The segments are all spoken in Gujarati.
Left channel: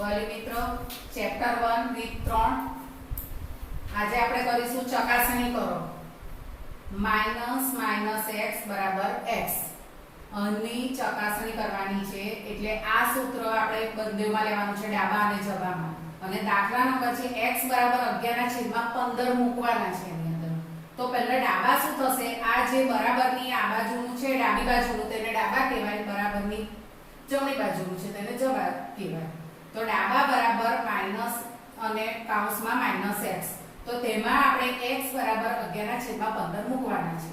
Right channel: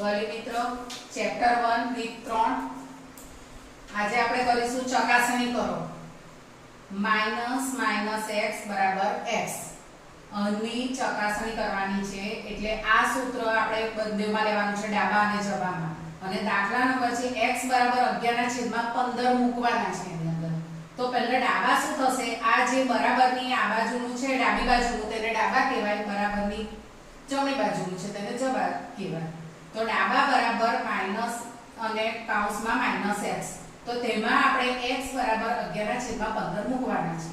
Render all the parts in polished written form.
વાલી મિત્રો ચેપ્ટર 1 રીત 3 આજે આપણે કરીશું ચકાસણી કરો માઈનસ x બરાબર x ની ચકાસણી કરવાની છે એટલે આ સૂત્ર આપણે બંનેમાં લેવાનું છે ડાબા અને જબામાં અને દાખલા નંબર છે x બરાબર 11/15 મૂકવાના છે એની અંદર તો પહેલા ડાબા શું થશે આ જે બરાબરની આ બાજુનું છે ડાબી બાજુનું તેને ડાબા કહેવાય બરાબરની જમણી બાજુનું છે તેને જબા કહેવાય તો ડાબા બરાબર માઈનસ અને કૌંસમાં -x તો તેમાં આપણે x બરાબર 11/15 મૂકવાના છે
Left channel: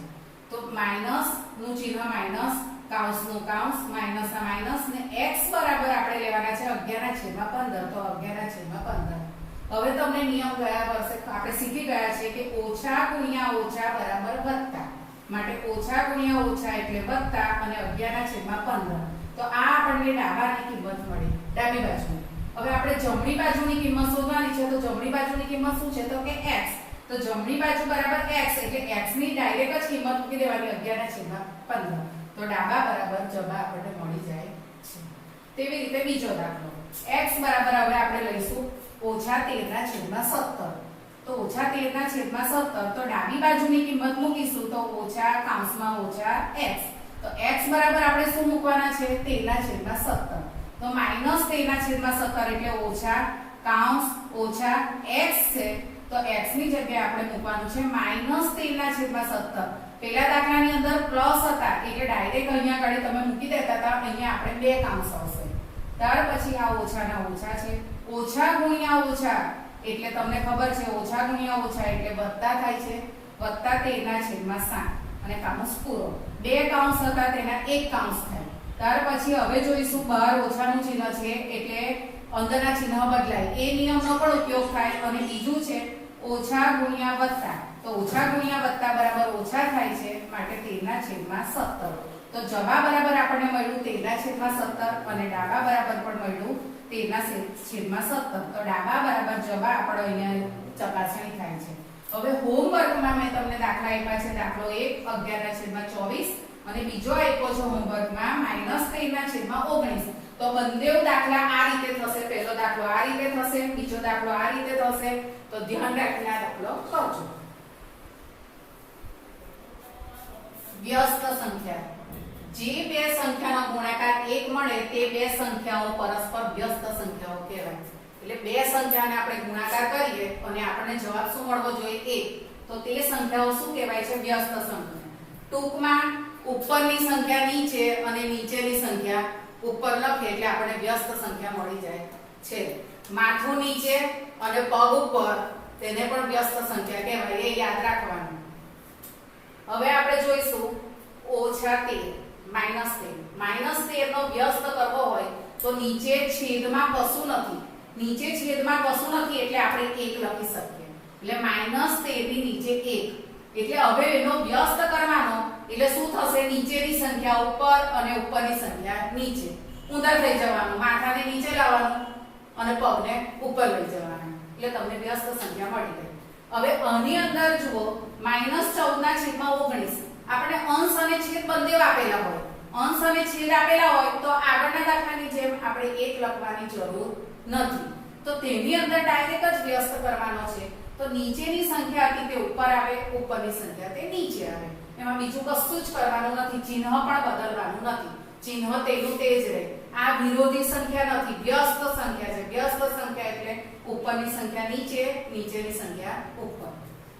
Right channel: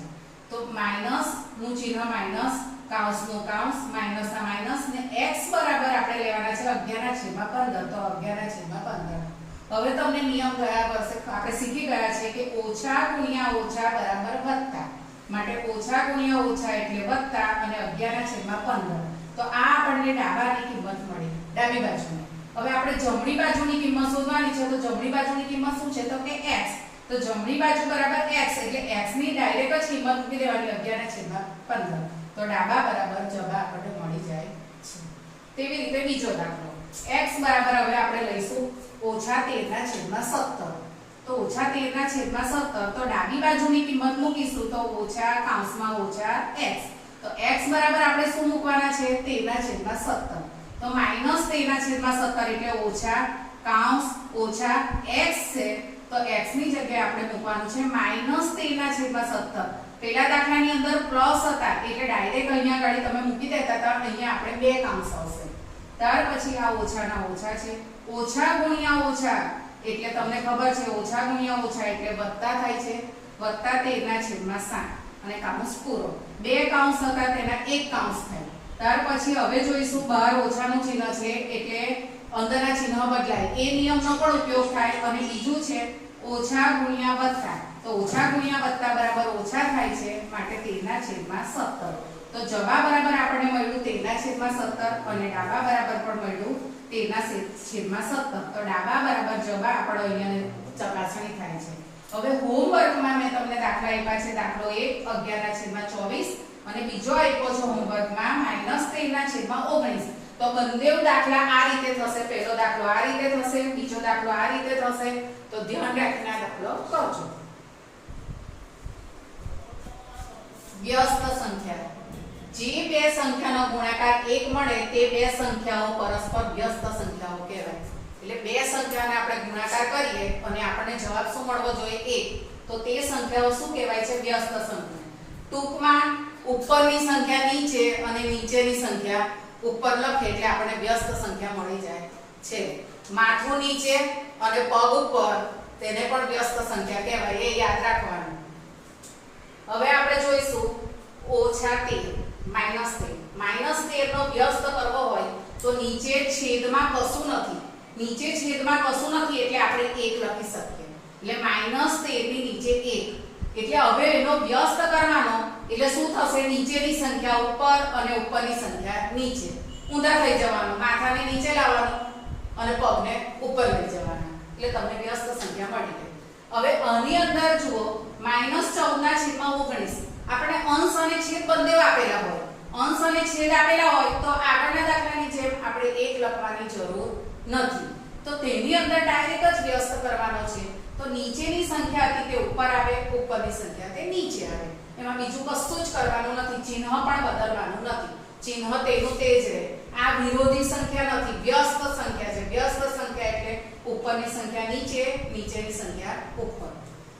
તો માઈનસ નું ચિહ્ન માઈનસ કૌંસ નું કૌંસ માઈનસ ના માઈનસ ને x બરાબર આપણે લેવાના છે 11/15 તો 11/15 હવે તમને નિયમ ગયા વર્ષે આપણે શીખી ગયા છે કે ઓછા ગુણ્યા ઓછા બરાબર વત્તા માટે ઓછા ગુણ્યા ઓછા એટલે વત્તા અને 11/15 તો આ આપણને ડાબાની કિંમત મળી ડાબી બાજુની હવે આપણે જમણી બાજુની કિંમત શોધવાની છે તો જમણી બાજુની કિંમત શું છે તો કે x તો જમણી બાજુ બરાબર x એટલે x ની ડાયરેક્ટ જ કિંમત મૂકી દેવાની 11/15 તો ડાબા બરાબર જબા આપણને મળી જાય છે તેવી રીતે બીજો દાખલો x બરાબર હવે આપણે લઈશું -13/17 તો -13/17 તો ડાબી બાજુની કિંમત મૂકીશું તો ઓછા કૌંસમાં ઓછા x તો x બરાબર આપણે શું મૂકવાના છે 13/17 તો -13/17 એટલે ઓછા કૌંસ ઓછા x છે તો x ની જગ્યાએ આપણે મૂકવાનું છે -13/17 પહેલા દાખલાની અંદર પ્લસ હતા એટલે ડાયરેક્ટ અહીંયા ગાડી તમે મૂકી દેતા હતા અહીંયા આપણે બે કૌંસ આવશે ત્યાર પછી આ ઓછાના ઓછા છે ઓછા ગુણ્યા ઓછા એટલે તમને ખબર છે ઓછા ગુણ્યા ઓછા એટલે વત્તા થાય છે +13/7 અને કૌંસ પૂરો બે કૌંસ હતા તેના એક કૌંસ થાય ત્યાર પછી હવે જોઈશું બહાર ઓછાનું ચિહ્ન છે એટલે અંદરના ચિહ્ન બદલાય એ નિયમનો પણ ઉપયોગ થાય અને બીજું છે ઓછા ગુણ્યા વત્તા તો ઓછા ગુણ્યા વત્તા બરાબર ઓછા થાય છે માટે 13/17 તો જબા બરાબર આપણને મળ્યું 13/17 અને ડાબા બરાબર પણ મળ્યું 13/17 તો ડાબા બરાબર જબા આપણો અહીંયા ચકાસણી થાય છે હવે હોમવર્કમાં મેં તમને દાખલા આપ્યા છે દાખલો 1 11/24 અને બીજો આપ્યો છે હોમવર્કમાં -13/19 તો બંને દાખલા આ રીતે થશે પહેલો દાખલો આ રીતે થશે બીજો દાખલો આ રીતે થશે તો ધ્યાન રાખીને આ દાખલો કરજો વ્યસ્ત સંખ્યા જે બે સંખ્યાનો ગુણાકાર 1 મળે તે બે સંખ્યાઓ પરસ્પર વ્યસ્ત સંખ્યાઓ કહેવાય એટલે બે સંખ્યાને આપણે ગુણાકાર કરીએ અને આપણને જવાબ શું મળવો જોઈએ 1 તો તે સંખ્યાઓ શું કહેવાય છે વ્યસ્ત સંખ્યા ટૂંકમાં ઉપરની સંખ્યા નીચે અને નીચેની સંખ્યા ઉપર લખે એટલે આપણને વ્યસ્ત સંખ્યા મળી જાય છે માથું નીચે અને પગ ઉપર તેને પણ વ્યસ્ત સંખ્યા કહેવાય એ યાદ રાખવાનું હવે આપણે જોઈશું -13 -13 નો વ્યસ્ત કરવો હોય તો નીચે છેદમાં કશું નથી એટલે આપણે 1 લખી શકીએ એટલે -13 ની નીચે 1 એટલે હવે એનો વ્યસ્ત કરવાનો એટલે શું થશે નીચેની સંખ્યા ઉપર અને ઉપરની સંખ્યા નીચે ઊંધા થઈ જવાનું માથાને નીચે લાવવાનું અને પગને ઉપર લઈ જવાનું એટલે તમને વ્યસ્ત સંખ્યા મળી ગઈ હવે આની અંદર જુઓ -14/19 આપણે અંશ અને છેદ બંને આપેલા હોય અંશ અને છેદ આપેલા હોય તો આગળના દાખલાની જેમ આપણે 1 લખવાની જરૂર નથી તો તેની અંદર ડાયરેક્ટ જ વ્યસ્ત કરવાનો છે તો નીચેની સંખ્યા હતી તે ઉપર આવે ઉપરની સંખ્યા તે નીચે આવે એમાં બીજું કશું જ કરવાનું નથી ચિહ્ન પણ બદલવાનું નથી ચિહ્ન તેનું તે જ રહે આ વિરોધી સંખ્યા નથી વ્યસ્ત સંખ્યા છે વ્યસ્ત સંખ્યા એટલે ઉપરની સંખ્યા નીચે નીચેની સંખ્યા ઉપર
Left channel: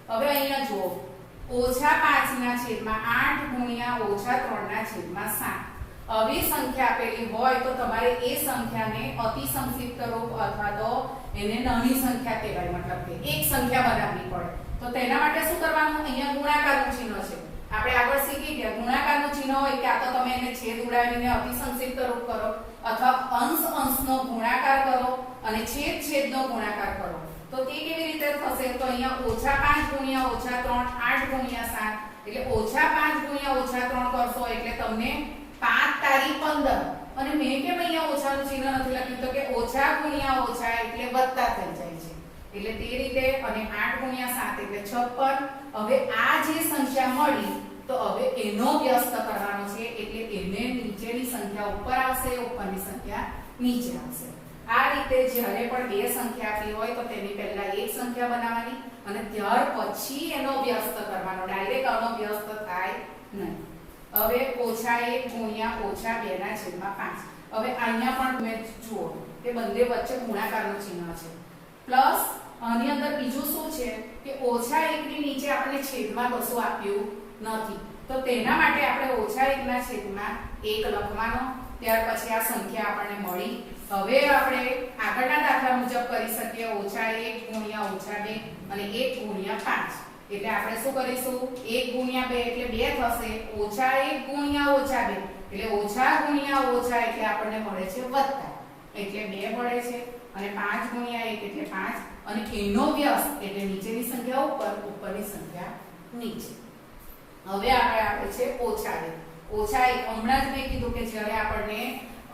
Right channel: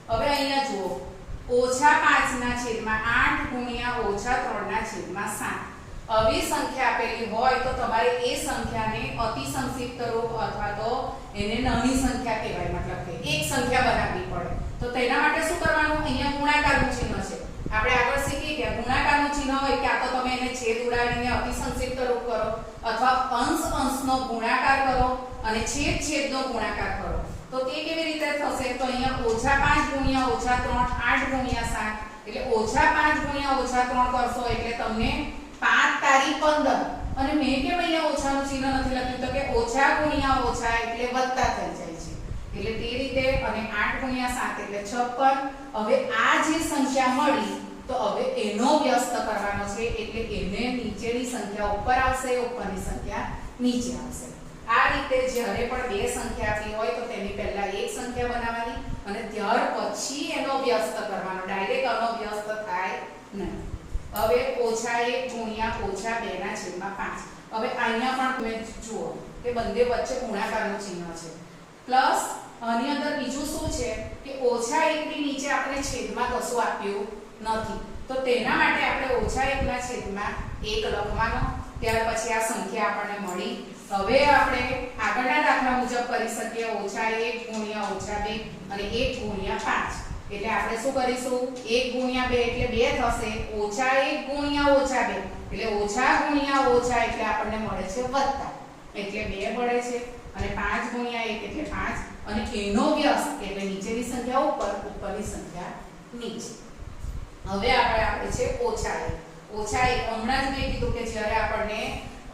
હવે અહીંયા જુઓ -5/8 ગુણ્યા -3/7 આવી સંખ્યા આપેલી હોય તો તમારે એ સંખ્યાને અતિ સંક્ષિપ્ત રૂપ અથવા તો એને નાની સંખ્યા કહેવાય મતલબ કે એક સંખ્યા બનાવવી પડે તો તેના માટે શું કરવાનું અહીંયા ગુણાકારનું ચિહ્ન છે આપણે આગળ શીખી ગયા ગુણાકારનું ચિહ્ન હોય કે આ તો તમે એને છેદ ઉડાવીને અતિ સંક્ષિપ્ત રૂપ કરો અથવા અંશનો ગુણાકાર કરો અને છેદનો ગુણાકાર કરો તો તે કેવી રીતે થશે તો અહીંયા -5 ગુણ્યા -3 8 ગુણ્યા 7 એટલે -5 ગુણ્યા -3 કરશો એટલે તમને 5 તારી 15 અને મેં કેમ અહીંયા ઓછાનું ચિહ્ન નથી લખ્યું તો કે ઓછા ગુણ્યા ઓછા એટલે વત્તા થઈ જાય છે એટલે તે રીતે અને 8 ગુણ્યા 7 એટલે 56 હવે આ જે સંખ્યા મળી તો હવે એનો વ્યસ્ત કરવાનો છે એટલે એને નીચેની સંખ્યા ઉપર આવશે ઉપરની સંખ્યા નીચે આવશે આ રીતે જ્યારે પણ બે સંખ્યા આપી હોય તો તેની પહેલા એક સંખ્યા બનાવવાની અને ત્યાર પછી એનો વ્યસ્ત કરવાનો, ડાયરેક્ટ આનો વ્યસ્ત થાય નહીં. હવે -1 ગુણ્યા -2 ના છેદમાં 5. હવે અહીંયા પણ તમે જુઓ કે બંને વચ્ચે ગુણાકારનું ચિહ્ન છે. પ્લસ આની અંદર બીજું શું છે કે -1 ની નીચે આપણે છેદમાં કશું આપ્યું નથી, તો તેના માટે આપણે -1 ના છેદમાં 1 લખવાનો. ત્યાર પછી આ સંખ્યા આપણને મળી. હવે આપણે આગળના દાખલા મુજબ કરી શકીએ -1 ગુણ્યા -2 અને 1 ગુણ્યા 5. એટલે આપણે શું કરીશું 1 ગુણ્યા 2 એટલે 2 થશે, -1 ગુણ્યા -2 એટલે ઓછા ગુણ્યા ઓછા એટલે આપણને મળે છે વત્તા, એટલે 2 મળે છે. અને 5 ગુણ્યા 1 એટલે 5 અને એનો વ્યસ્ત એટલે નીચેની સંખ્યા ઉપર, ઉપરની સંખ્યા નીચે. હવે આપણે આપે છે -1. હમણાં જ મેં કીધું કે જ્યારે આપણને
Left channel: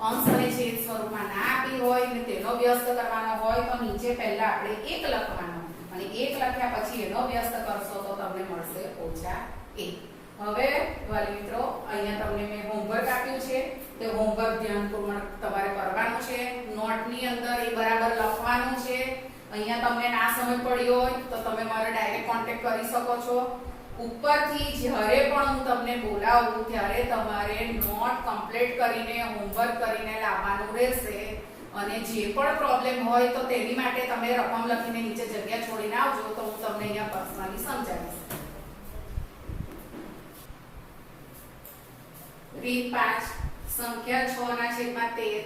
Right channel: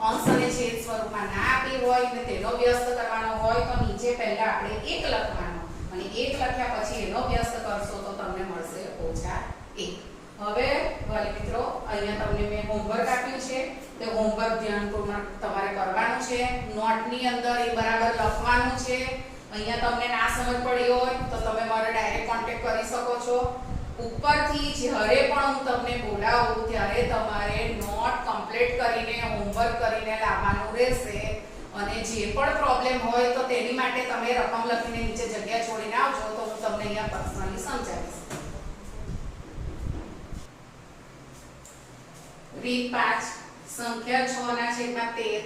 અંશ અને છેદ સ્વરૂપમાં ના આપી હોય અને તેનો વ્યસ્ત કરવાનો હોય તો નીચે પહેલા આપણે 1 લખવાનો અને 1 લખ્યા પછી એનો વ્યસ્ત કરશો તો તમને મળશે -1. હવે વાલી મિત્રો અહીંયા તમને મેં હોમવર્ક આપ્યું છે, તે હોમવર્ક ધ્યાનપૂર્વક તમારે કરવાનું છે. નોટની અંદર એ બરાબર લખવાનું છે. અહીંયા તમને ના સમજ પડી હોય તો તમે મારો ડાયરેક્ટ કોન્ટેક્ટ કરી શકો છો. ઉપરથી જ્યારે પણ હું તમને બોલાવું ત્યારે તમારે નોટ કમ્પ્લીટ કરીને હોમવર્ક કરીને લાવવાનું રહેશે. અને જે પણ પ્રોબ્લેમ હોય તો તેની માટે તમે રકમ લખીને નીચે જગ્યા છોડીને આવજો તો હું તમને અહીંયા પર્સનલી સમજાવીશ. રીત 5 સંખ્યા 6 ના છેદમાં 13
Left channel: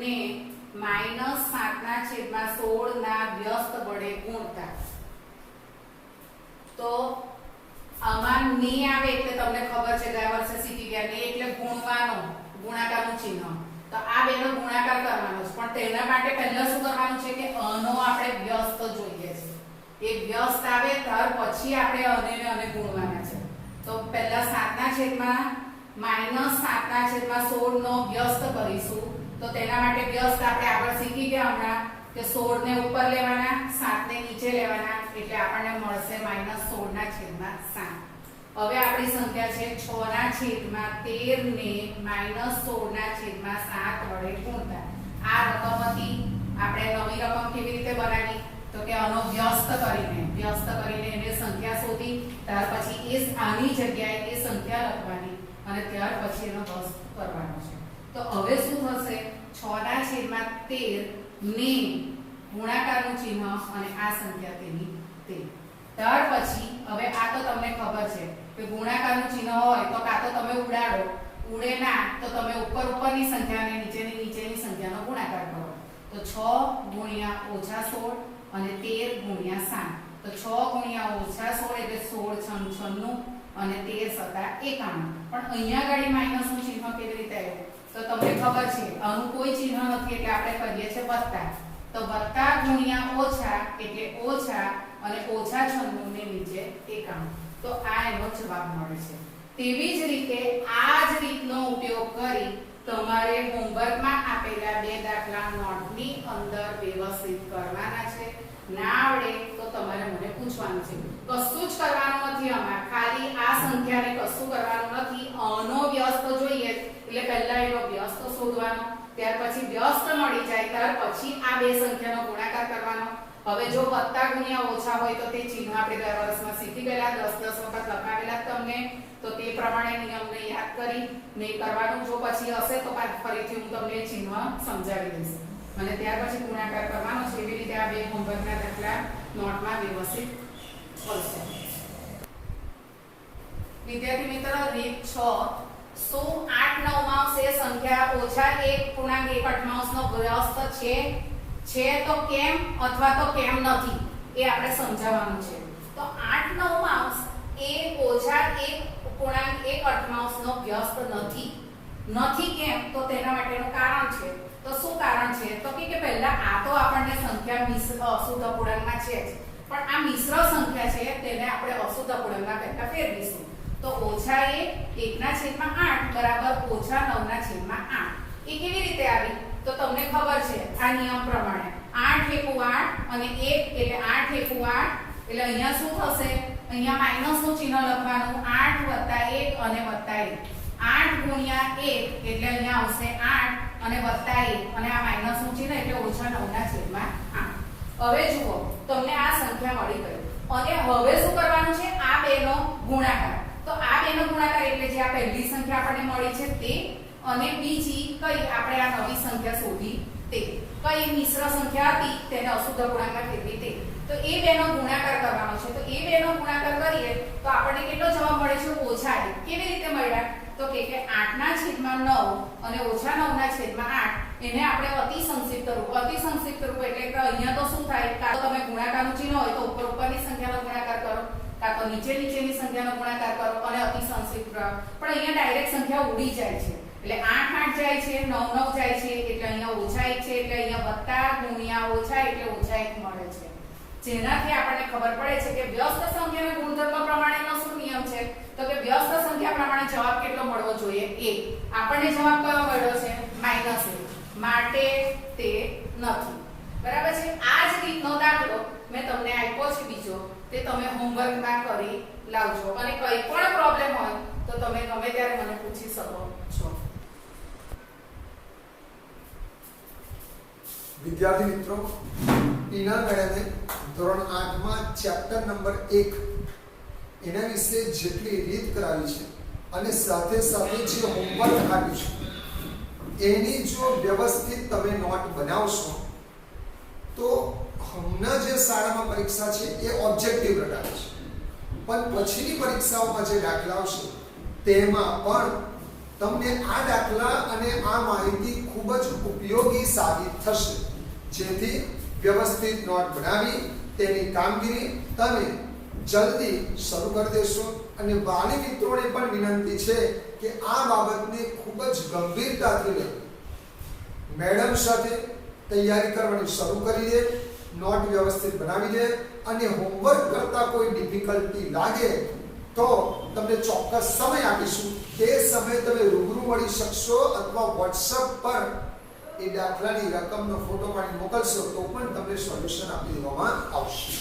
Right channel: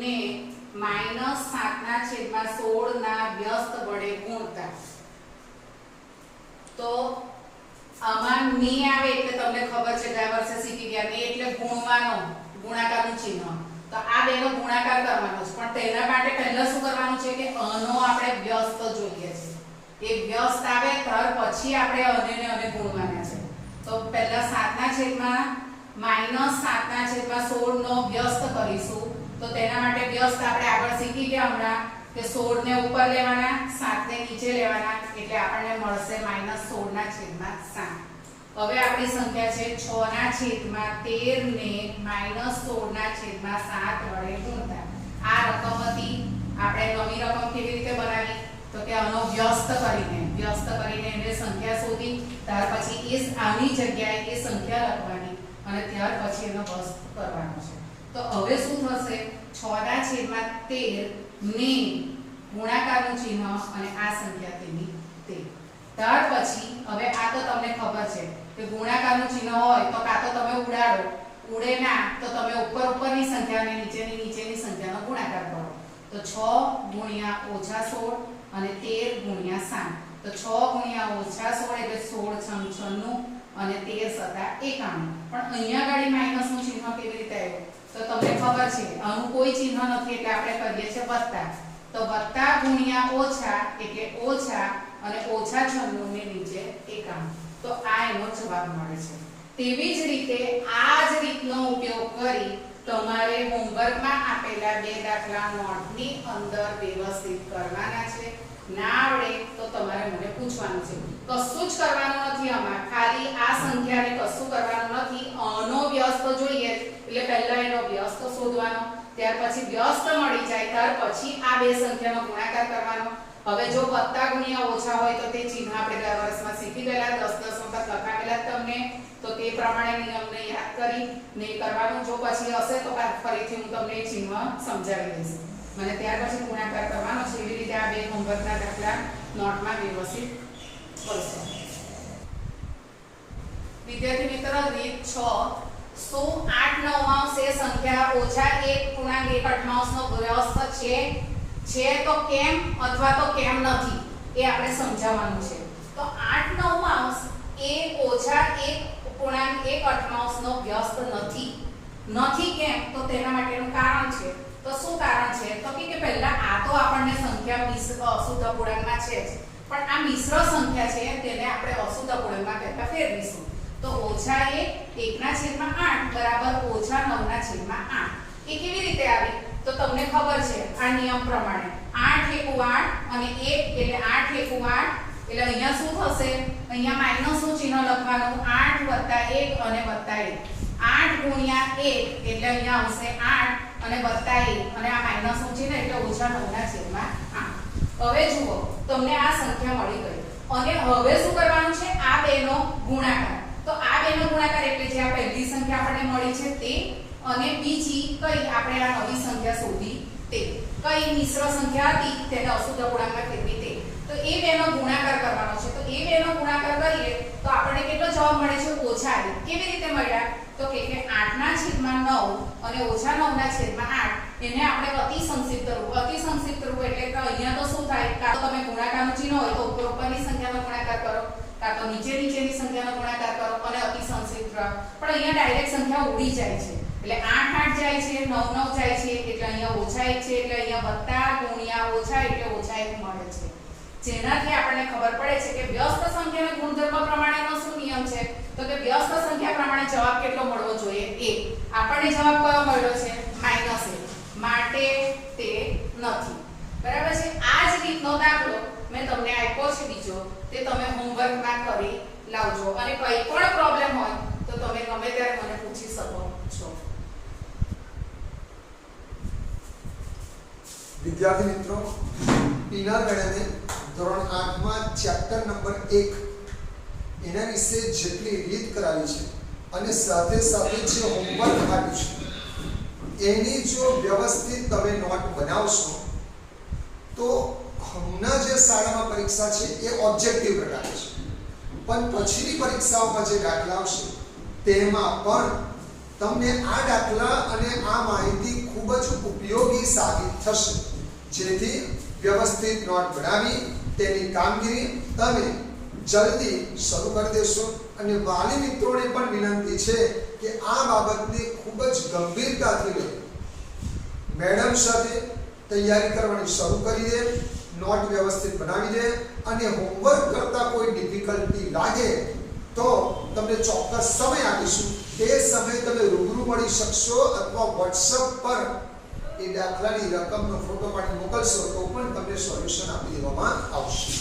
ને -7 ના છેદમાં 16 ના વ્યસ્ત વડે ગુણતા. તો આમાં ને આવે એટલે તમને ખબર છે ગયા વર્ષે શીખી ગયા, ને એટલે ગુણવાનો, ગુણાકારનું ચિહ્ન. તો આ બેનો ગુણાકાર કરવાનો છે, પણ તેના માટે પહેલા શું કરવાનું છે કે આનો આપણે વ્યસ્ત જોઈએ છે. એ વ્યસ્ત આવે ત્યાર પછી આપણે આને ગુણવાના છે. તો પહેલા 7 ના છેદમાં -7 ના છેદમાં 16 નો વ્યસ્ત કરીશું. તો તેના માટે વ્યસ્ત આપણે આગળ શીખી ગયા હમણાં કે 16 ને ઉપર લેવાના, 7 ને નીચે લેવાના, એટલે આપણને મળશે -16 ના છેદમાં 7. હવે આપણી સંખ્યા છે 6 ના છેદમાં 13 ને -16 ના છેદમાં 7 વડે ગુણતા. આ રકમ હતી, આપણે નવી રકમ કેવી રીતે બનાવી તો કે આનો વ્યસ્ત કરીને એને સંખ્યા શોધી, ત્યાર પછી એ આની જગ્યાએ એ સંખ્યા લખવાની અને ત્યાર પછી એનો વ્યસ્ત કરવાનો છે. તો હવે શું થશે 6 ના છેદમાં 13 ને ગુણાકારનું ચિહ્ન અને આ સંખ્યા તેની તે. ત્યાર પછી હવે આ તો તમને ખબર છે કે ગુણાકારનું ચિહ્ન હોય તો કાં તો તમે ઉડાડો, ઉડે ના તો તમે ઉપરની સંખ્યા અને નીચેની સંખ્યાનો ગુણાકાર કરો. તો 6 ગુણ્યા -16 અને 13 ગુણ્યા 7. તો 6 ગુણ્યા -16 એટલે 16 × 96 અને 13 × 51. પણ અહીંયા ગાડી માઈનસનું ચિહ્ન કેવી રીતે આવ્યું તો તમને ખબર છે આનું કોઈ ચિહ્ન નથી એટલે આપણે કરીએ છીએ વત્તા. તો વત્તા ગુણ્યા ઓછા એટલે ઓછા અને -96 ની નીચે 51. તો આ એનો જવાબ મળે છે. તેવી જ રીતે આ જ રીતનો ઉપયોગ કરી તમારે હોમવર્કમાં આપેલા બે દાખલા નોટની અંદર વ્યવસ્થિત કરવાના છે. ના આવડે તો તમારે મને પૂછવાનું છે. કશું જ કરવાનું નથી આમાં, ખાલી આ સંખ્યાને કશું કરવાનું નથી. આનો વ્યસ્ત જોઈએ એટલે પહેલા એનો વ્યસ્ત શોધવાનો, ત્યાર પછી વ્યસ્ત મળી જાય ત્યાર પછી આ બે સંખ્યાનો ગુણાકાર કરવાનો. હવે જો વત્તા ગુણ્યા ઓછા હોય તો તે ચિહ્ન આપણે ગયા વર્ષમાં શીખી ગયેલા, 10 વખત લખાવેલા તમને, તો તે પ્રમાણે નિયમને યાદ કરી ને કરવાનું. જો પછી હશે તો ફરીથી હું તમને એ ચિહ્ન સમજાવી દઈશ અને ત્યાર પછી ગુણાકાર કરવાનો છે. એવી રીતે આ બે હોમવર્કના દાખલા નોટમાં વ્યવસ્થિત કરશો. વિદ્યાર્થી મિત્ર રીત 6 શું 8/9 એ સંખ્યા -1.1/8 નો વ્યસ્ત છે તો કેમ અથવા તો કેમ નથી એ આપણે સમજાવવાનું છે. તો 8/9 એ -1.1/8 નો વ્યસ્ત નથી કેમ તો તેના માટેનું કારણ છે. તો શું કારણ છે તો કે પહેલા આ તો આપણને સંખ્યા અશુદ્ધ અપૂર્ણાંકમાં છે જ, પણ આ મિશ્ર સંખ્યા છે તેને આપણે અશુદ્ધ અપૂર્ણાંકમાં પહેલા ફેરવીશું. તો -1/8 બરાબર -9/8. એ કેવી રીતે આવી તો તમને ખબર છે આ નિયમ પ્રમાણે 8 × 8 અને 1 એટલે 8 × 8 એટલે અહીંયા શું થશે, અહીંયા માઈનસનું ચિહ્ન લખવાનું, 8 + 1 અને +1. 8 × 1 એટલે અહીંયા આવશે 8 અને વત્તા 1 અને આ માઈનસ નું છે ને એટલે ઓછા 9 ના છેદમાં 8. હવે જુઓ તમને આ સંખ્યા મળી ગઈ અને હવે શું કરવાનું છે આ બેનો ગુણાકાર. તો આ બેનો ગુણાકાર એટલે જે આ પહેલી સંખ્યા આપણને મળી છે તે અને બીજી કઈ આપણે આ નવી સંખ્યા શોધી તે કઈ મિશ્ર સંખ્યા હતી તેને અશુદ્ધ પૂર્ણાંકમાં ફેરવી તે. તો એ બેનો ગુણાકાર કરવાનો છે. તો એ બેનો ગુણાકાર કરીએ તો આપણને કેટલો જવાબ મળે છે ઓછા 1. કેવી રીતે મળ્યા તો કે 8 ના છેદમાં 9 અને ઓછા 9 ના છેદમાં 8 એને આપણે અતિ સંક્ષિપ્ત રૂપ એટલે કે અહીંયા તો શું થાય કાં તો તમે ગુણાકારનું ચિહ્ન હોય તો ઉપર ઉપરની સંખ્યાનો ગુણાકાર કરો કાં તો નીચે નીચેની સંખ્યાનો ગુણાકાર કરો અને અતિ સંક્ષિપ્ત. પણ અહીંયા ડાયરેક્ટ સંખ્યા ઉડી જાય છે એટલે 8 8 જાય છે 9 9 જાય છે એટલે અહીંયા ઓછા 1 છે એટલે અહીંયા વત્તા ગુણ્યા ઓછા એટલે ઓછા 1 મળે છે. જેનાથી આપણને ખબર પડે છે કે વ્યસ્ત સંખ્યાના ગુણધર્મ પ્રમાણેનો શું નિયમ છે તો કે વ્યસ્ત સંખ્યા પ્રમાણે જવાબ કેટલો મળવો જોઈએ 1. આપણને જવાબ કયો મળ્યો છે -1 માટે તે નથી. બરાબર છે. આ જ રીતનો દાખલો મેં તમને આપ્યો છે બીજો તે તમે હોમવર્કમાં કરી લાવજો અને કોઈ પણ પ્રોબ્લેમ હોય તો તમે ગમે ત્યારે મને પૂછી શકો છો. વિદ્યાર્થી મિત્રો, પીના મેડમે ધોરણ 8 માં ચેપ્ટર નંબર 1 એના વિશે જેટલી રીત કરાવી છે અને સાથે સાથે જે હોમવર્ક આપ્યું છે એની જો વ્યવસ્થિત તમે નોટ બનાવશો તો હમણાં જે શાળામાં પરીક્ષા છે એ ઓબ્જેક્ટિવ રટાવે છે, પણ પછીની પરીક્ષાઓમાં જે દાખલા આવશે તેમાં પણ તમને આ દાખલા અને આ માહિતી ખૂબ જ ઉપયોગી સાબિત થશે. જેથી વ્યવસ્થિત નોટ બનાવી તેની કામગીરી તમે જલ્દી શરૂ કરી દેશો. અને વાલી મિત્રોને પણ વિનંતી છે કે આ બાબતને ખૂબ જ ગંભીરતાથી લે, મેડમ સાથે તૈયારી કરવાની શરૂ કરી દે, નોટ વ્યવસ્થિત બનાવી દે અને હોમવર્ક કરતા કોઈ ડિફિકલ્ટી લાગે તો તમને ચોક્કસ સમય આપીશું. તે સમયે તમે રૂબરૂ મળી શકશો અથવા WhatsApp પર એ દાખલાની રકમનો ફોટો પાડી મોકલશો તો પણ તમને સોલ્યુશન આપી દેવામાં આવશે.